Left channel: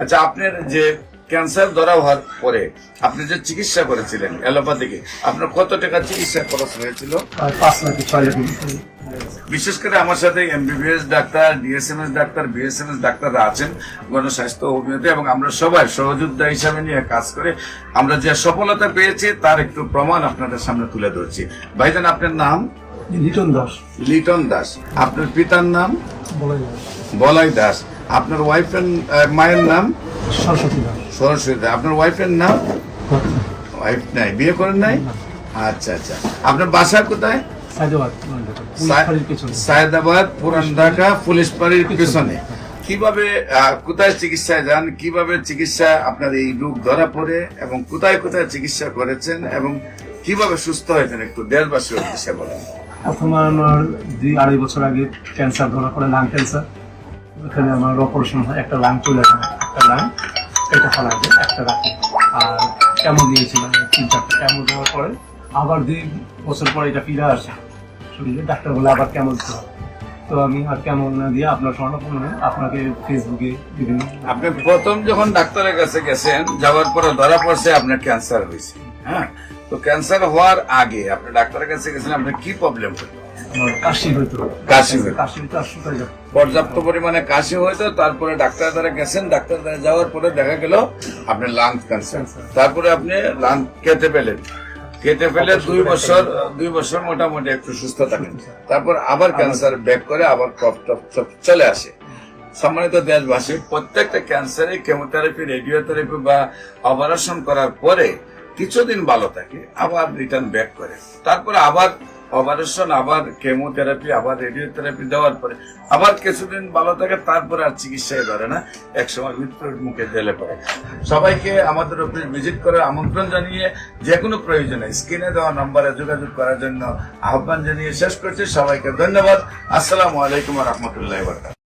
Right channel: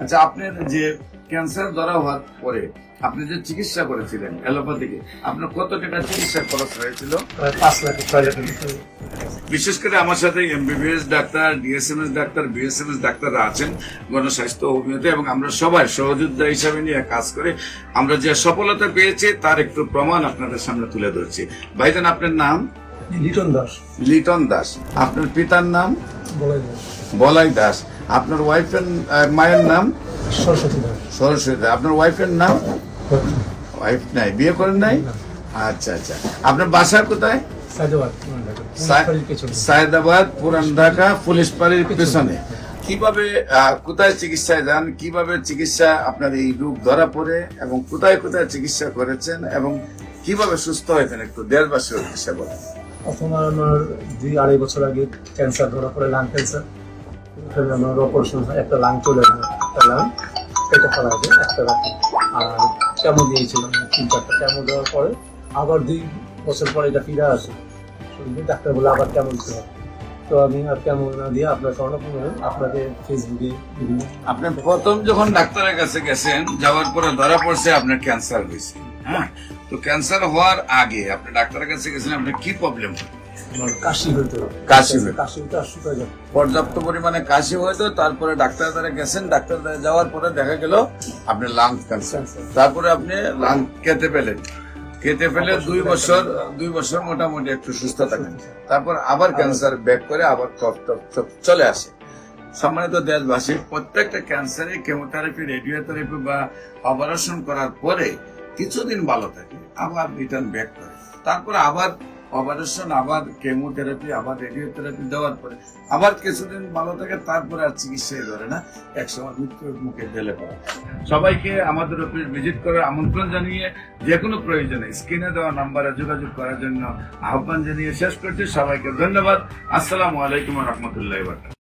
আচ্ছা, আপনার যে ক্যান্সার ধরা হওয়ার পরে আপনি যে চিকিৎসা করেছিলেন অ্যালোপ্যাথিকে, আপনার কত টাকা চিকিৎসা খরচ হয়েছিল? 5 লাখ 6 লাখ। বিশেষ করে আমার সাথে MBBS doctor, DSMS doctor, BSMS ডাক্তাররা আছেন গণস্বাস্থ্য অভিনেতা, এবং আমরা সবাই সহযোদ্ধা হিসাবে নিয়ে কাজ করে আমরা যে সফলতা পেয়েছি তার একটু প্রমাণ আপনাদের সামনে তুলে ধরছি। ভাইজান, আপনার নাম? লিটন দাস। লিটন দাস। আপনার পিতার নাম? বলাই বলাই দাস। আপনার ওয়াইফের মায়ের নাম? সরস্বতী দাস। সরস্বতী। আপনার ওয়াইফের নাম? ওয়াইফ নাই, বিয়ে করেন নাই? আচ্ছা আচ্ছা। আপনার বাসা কোথায়? সাইদাবাদ, সায়দাবাদ, পুরান ঢাকা, পুলিশ পাড়ির পেছনে। কিভাবে কোথায় চিকিৎসায় যান, কিভাবে চিকিৎসা আপনার এই রোগ ধরা পড়ে, এবং কোথায় কোথায় চিকিৎসা করেছেন, এবং কিভাবে সুস্থ হয়েছেন একটু দেশবাসীর উদ্দেশ্যে বলেন। প্রথমে আমার 2-2.5 বছর আগে ক্যান্সার ধরা পড়ে, লাং ক্যান্সার। ওখানে আমার অপারেশন হয়, একটা লাং চলে যায়, একটা লাং এটা ফেলা যায়, একটা রাখি। আর কেমো দিয়েছিলাম 3-4টা কেমো দেওয়ার পরে আবার 2 বছর পরে এটা ফিরে আসে শরীরে। ডাক্তার বলে আবার কেমো দিতে হবে। তো আমি আর কেমো না দিয়ে আপনার স্বর্ণপূর্ণ আপনাকে ফেসবুকে বিভিন্ন। আপনি প্রথম যখন ডাক্তারের কাছে গেছেন, যাওয়ার পরে ধরা পড়ছে আপনার ক্যান্সার হয়েছে। হ্যাঁ, তো ক্যান্সার হওয়ার আগে আপনি ডাক্তারের কাছে গেছেন, আপনার কি প্রবলেম হতো? আমার কাশি হইতো, কাশি হইতো। কাশি হইতো আর শুকায় যাবে। পর্যাপ্ত পরিমাণে কাশি হয়তো, তারপরে ডাক্তার দ্বারা গেছেন, ডাক্তার দ্বারা যাওয়ার পরে দেখা গেল আপনার লাং ক্যান্সার। তারপরে আপনি লাং কেটে ফেলে 2 বছর মোটামুটি একটু সুস্থ থাকেন। তারপর আবার ক্যান্সার ব্যাক করে আবার টপ চলে আসে। সম্মানিত দেশবাসী, প্রত্যেকটা ক্যান্সারে কেমোথেরাপি, রেডিওথেরাপি বা অপারেশন করার পরে কিছুদিন ভালো থাকে, আবার রিটার্ন ব্যাক করে। তারপরে আবার অপারেশন, আবার কেমোথেরাপি, আবার রেডিওথেরাপি দেওয়ার পরে আবার কিছুদিন ভালো থাকে, তারপরে আর চিকিৎসায় ধরে না, একসময় মৃত্যুর মুখে ঢেলে পড়ে। সবাইকে আমাদের অফিস ভিজিট করার আমন্ত্রণ জানিয়ে যে কোনো প্রয়োজনে স্ক্রিনে দেওয়া নম্বরে যোগাযোগ করার জন্য আহ্বান জানিয়ে শেষ করছি। সবাইকে ধন্যবাদ। আসসালামু আলাইকুম ওয়া রাহমাতুল্লাহি ওয়া বারাকাতুহু।